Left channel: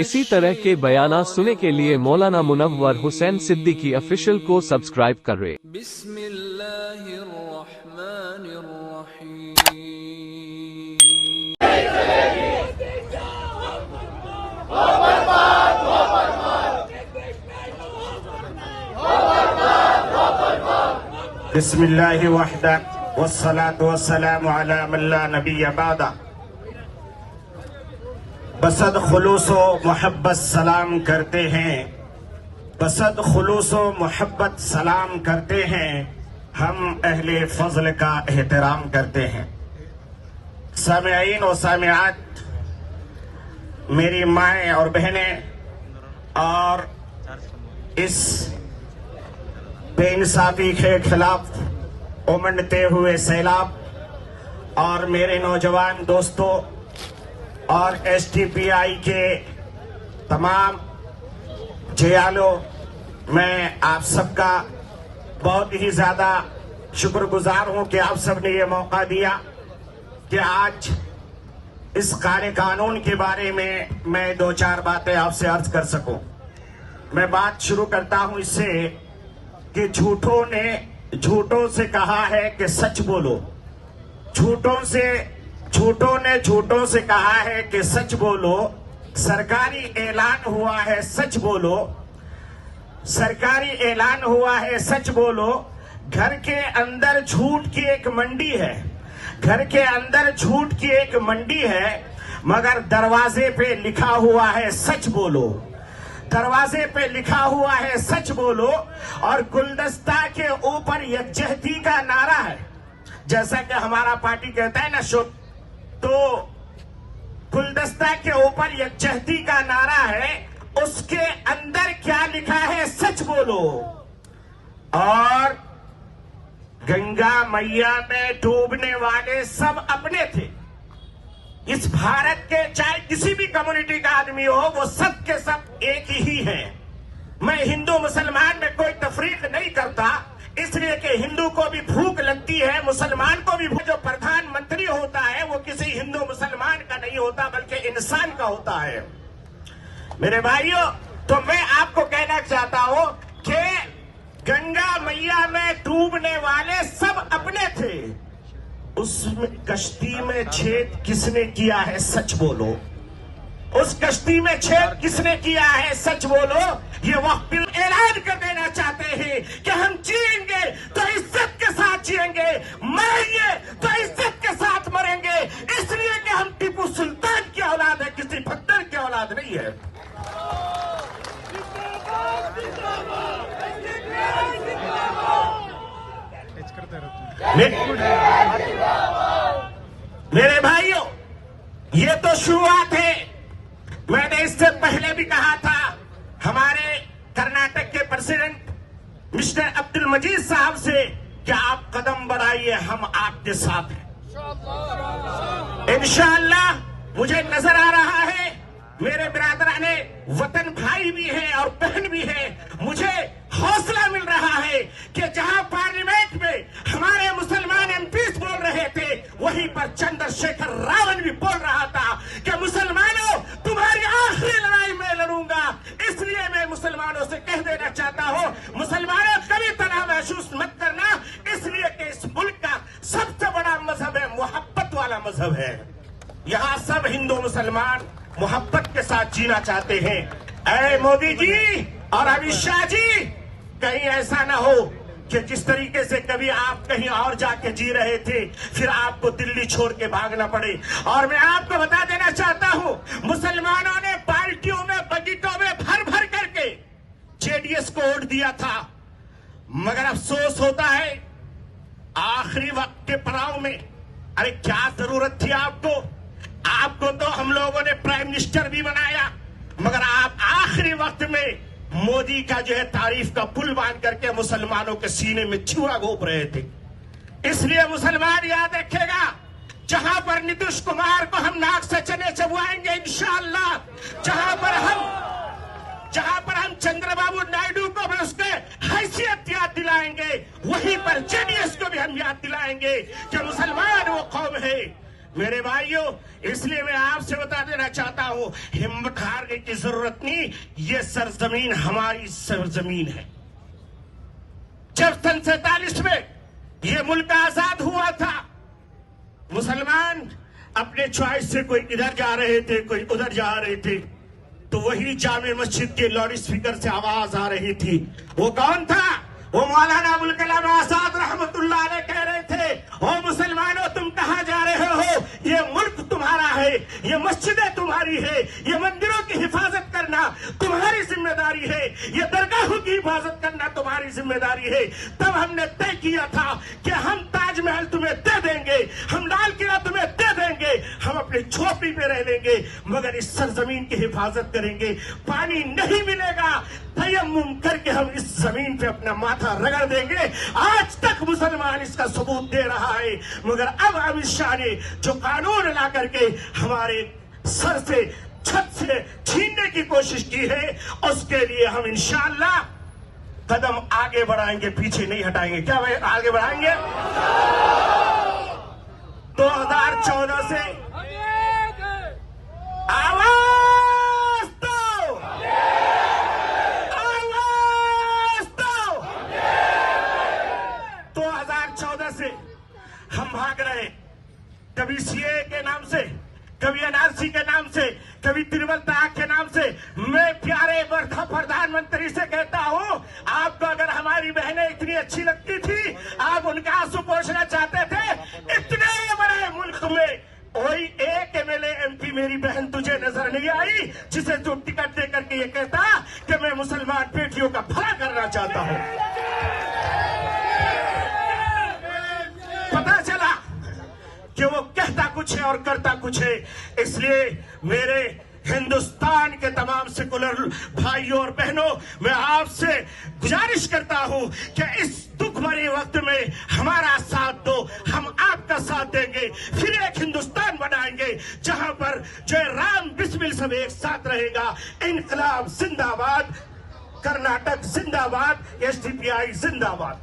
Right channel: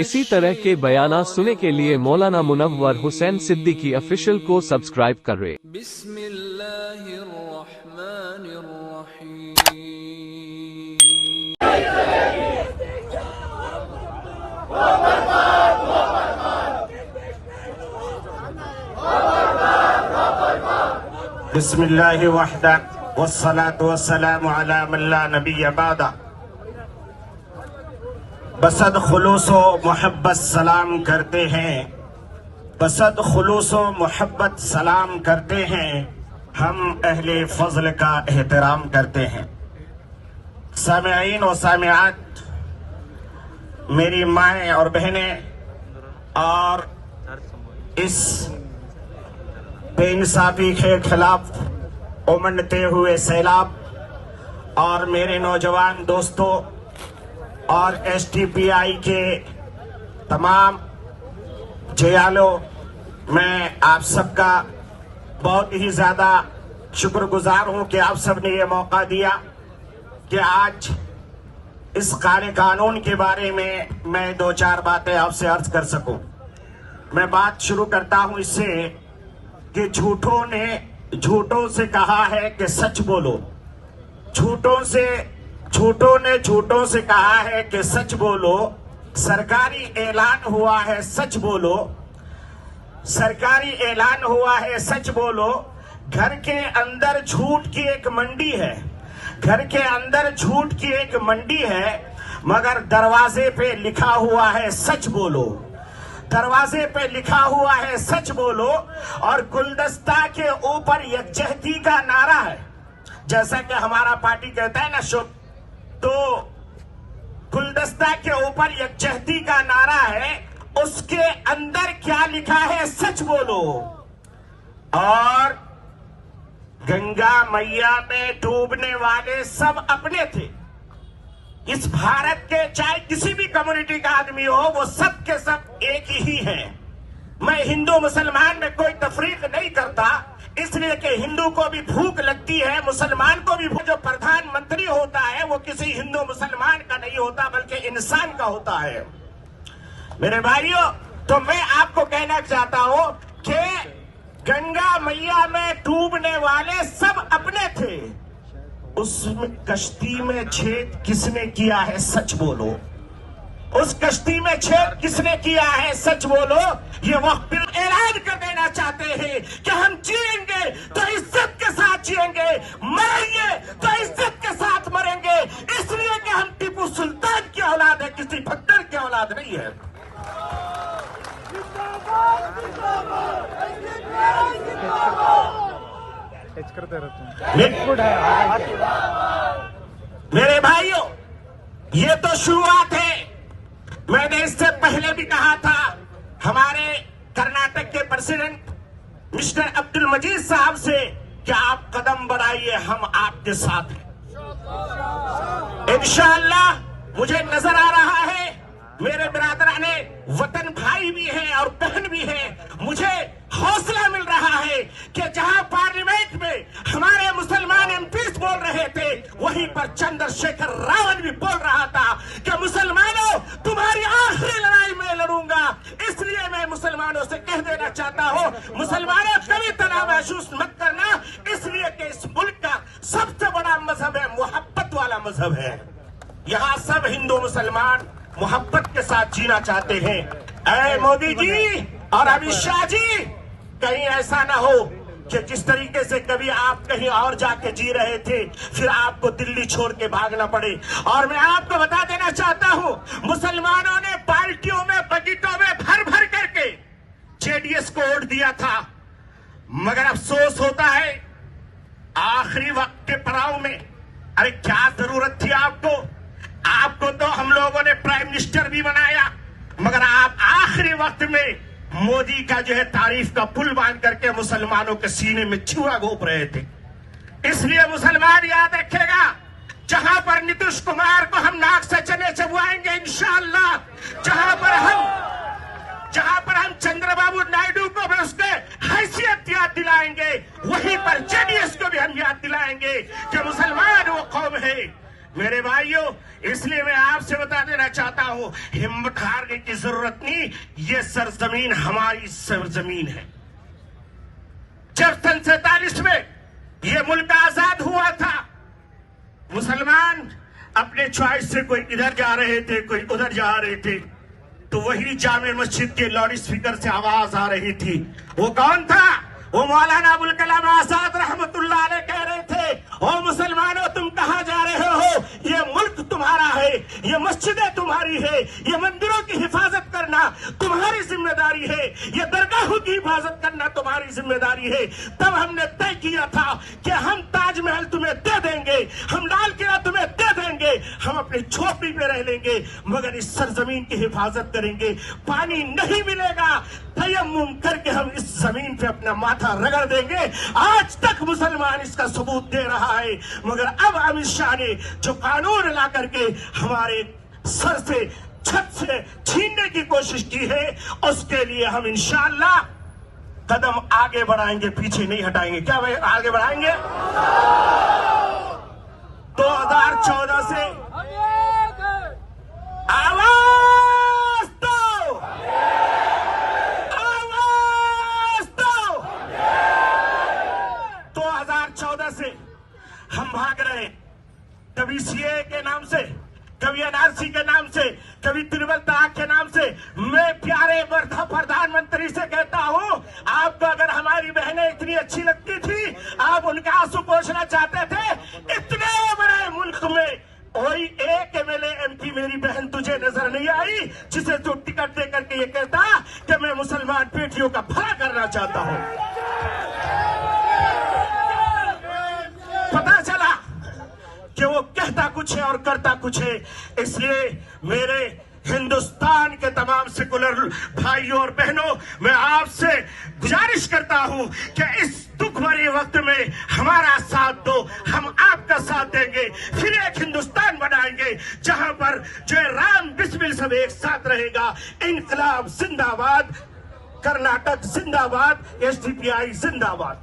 इसी तरह के बयाना सुनने के लिए मौलाना मुनव्वर हुसैन सिद्दीकी ऑफिशियल को सब्सक्राइब करें। बिस्मिल्लाहि वहदक वस्सलातु वस्सलामु अला मन ला नबिय्य बअदा। बसद खुलूसो मोहब्बत सलाम करते हैं, बसद खुलूसो मोहब्बत सलाम करते हैं, हम अहले फजल का एहतराम करते हैं। सामिईन और सामियात, मेरी माएँ और बहनें, और इस बेइंसाफी के खिलाफ उमड़ते हुए सैलाब, और मेरे नौजवान दोस्तों और एसटीपीआई के तमाम जयालों, मैं आप सबका बहुत ही ज्यादा शुक्रगुजार हूं कि आप सबने ये मौका दिया कि आज इस कानून के बारे में मैं दो चार बातें आपसे अर्ज कर सकूं। मैं बात शुरू करता हूं इससे कि झूठों से कहा है कि सच बोलो। झूठों से कहा है कि सच बोलो। सरकारी ऐलान हुआ है, सच बोलो। सरकारी ऐलान हुआ है, सच बोलो। घर के अंदर झूठ की एक मंडी है, घर के अंदर झूठ की एक मंडी है, मगर दरवाजे पे लिखा हुआ है सच बोलो। दरवाजे पे लिखा हुआ है सच बोलो, और गुलदस्ता के ऊपर यकजहती का नारा है। जैसा कि हमारा पार्टी कहता है ना शुभ, तो गुलदस्ता के ऊपर यकजहती का नारा है, उसके अंदर क्या लिखा है सच बोलो। और गंगा मैया में डूबने वाले सब अपने थे। इस भारत के चाहे किसी भी कम्युनिटी का आदमी हो, वो सब के सब एक ही है। मैं हिंदू मुसलमान में कोई तफरीक नहीं करता, इसलिए कि हिंदू को भी भूख लगती है, मुसलमान को भी भूख। जो प्रधानमंत्री होता है वो किसी हिंदू मुसलमान का नहीं होता, बल्कि इंसान का होता है। मेरे भाइयों, तो मैं आपको कहना चाहता हूं कि गंगा मैया में डूबने वाले सब अपने थे। उस कश्ती में छेद किसने किया है सच बोलो। उस कश्ती में छेद किसने किया है सच बोलो। ये वक्त ऐलान कर देना चाहते हैं कि हम जिएंगे तो इज्जत के साथ जिएंगे, मरेंगे तो इज्जत के साथ मरेंगे, इसलिए कि हम टीपू सुल्तान की औलाद है, किसी भक्तर की औलाद नहीं है। मेरे भाइयों, ये तो शुरुआत है। मैंने इससे पहले भी कहा था, हमारे कर्नाटक के प्रेसिडेंट मिस्टर अब्दुल मजीद साहब से कि आप कदम बढ़ाइए, हम आपके साथ हैं। इंशाअल्लाह मुझे नजर आ रहा है, मेरे बिरादराने वतन भाई भी हैं और बहन भी हैं, मुझे हौसला मिल रहा है कि जहां पार्लियामेंट में हमारे मुसलमान एमपीज बोल रहे थे, वहीं पर चंद्रशेखर रावत भी बोल रहा था कि मुसलमानों, तुम्हारी आखिरी लड़ाई मैं लड़ूंगा। इसलिए मैं मुसलमानों से कह देना चाहता हूं, मुसलमानों कभी तनाव महसूस मत करना, इसलिए कि इस मुल्क का सबसे बड़ा मजहब है, मोहब्बत वाला मजहब है। यहाँ सब हिंदू मुसलमान मोहब्बत के साथ जीना चाहते हैं। ऐ मोदी जी और अमित शाह जी, कहीं ऐसा ना हो कि जिस तरीके से कभी आप कहीं और जाके जी रहे थे, फिर आपको दिल्ली छोड़ के भागना पड़े। और मैं आपको बता देना चाहता हूं, मुसलमानों ने पार्टियों में, बजटों में भर भर करके जेडीएस को वोट दिया था, मगर अफसोस होता है आखिरी वक्त के पड़ाव में, अरे क्या जरूरत थी आपको तो हम लोगों ने प्राइम मिनिस्टर भी बनाया, मगर आप आखिरी वक्त में मोदी का जो है तारीफ का पुल बांध करके मुसलमानों के सीने में छुरा घोंप रहे थे। इसलिए मुसलमान याद रखेगा, जहां पर नीतीश कुमार को हम नाक से चने चबवाएंगे इंशाअल्लाह, जहां पर हम चंद्रबाबू नायडू को भी उसके हैसियत याद दिलाएंगे, वहीं पर जेडीएस को भी हम याद दिलाएंगे कि मुसलमान वो कौम है मेरे भाइयों, इसलिए मैं आपसे बता देना चाहता हूं, हिम्मत हारने की जरूरत नहीं। ये सरजमीन हमारी सरजमीन है। जब सन 47 में ये मुल्क आजाद हुआ था, मुसलमान अपने चॉइस से कोई इधर जा रहे थे, कोई उधर जा रहे थे, तो वही जामे मस्जिद के लाउड स्पीकर से आवाज आ रही थी। वो कौन था? वो मौलाना अबुल कलाम आजाद रहमतुल्लाह अलैह कह रहे थे, ओ मुसलमानों, तुम कहां जा रहे हो? ये मुल्क तुम्हारा है, ये मस्जिदें तुम्हारी है, ये मंदिरों की हिफाजत करना तुम्हारी जिम्मेदारी है, ये दरगाहों की हिफाजत करना तुम्हारी जिम्मेदारी है। तब हमने तय किया था कि हम ताजमहल तुम्हें दे देंगे, हम लाल किला तुम्हें दे देंगे, हम अपनी झोपड़ी पे रह लेंगे, मगर इस सरजमीन की हिफाजत करेंगे। पानी नहीं मिलेगा, तयम्मुम करके हम इस जमीन पे अपना माथा रगड़ देंगे। आज तक मुसलमान इसका सबूत दे रहा है, मगर अब अमित शाह ने जो कानून ला करके हमारे सर से, छत से छीनने की कोशिश की है, उसके लिए हम इंशाअल्लाह कदम आगे बढ़ाएंगे, पीछे नहीं हटाएंगे। क्या भाई आगे बढ़ाएंगे? 2014 से आवाज दो, आवाज दो। 2014 से हम भाग रहे, कभी सीए के नाम से, कभी एनआरसी के नाम से, कभी ट्रिपल तलाक के नाम से। मैं प्यारे प्रधानमंत्री से कहता हूं, आपको अगर हमारी बहनें इतनी अच्छी लगती थी, आप उनका आंसू पोंछना चाहते थे, इतने बड़े मुल्क में कोई एक एमएलए एमपी मेरी बहन तुझे नजर नहीं आई जिसे तू टिकट दे करके ये कहता कि मैं मुसलमान बेटियों का भला करना चाहता हूं। पता चला कि वो कहता कुछ है और करता कुछ है। इसलिए मेरे हिंदुस्तान के तमाम सेकुलर भाइयों और बहनों, मैं आपसे गुजारिश करता हूं कि इस दुख भरे वक्त में हमारा साथ दो, हम आपका साथ देंगे। फिर एक हिंदुस्तान बनाएंगे जहां पर जय राम बिस्मिल सब एक साथ रहेगा। इनकलाब जिंदाबाद, कर्नाटक जिंदाबाद, एसडीपीआई जिंदाबाद।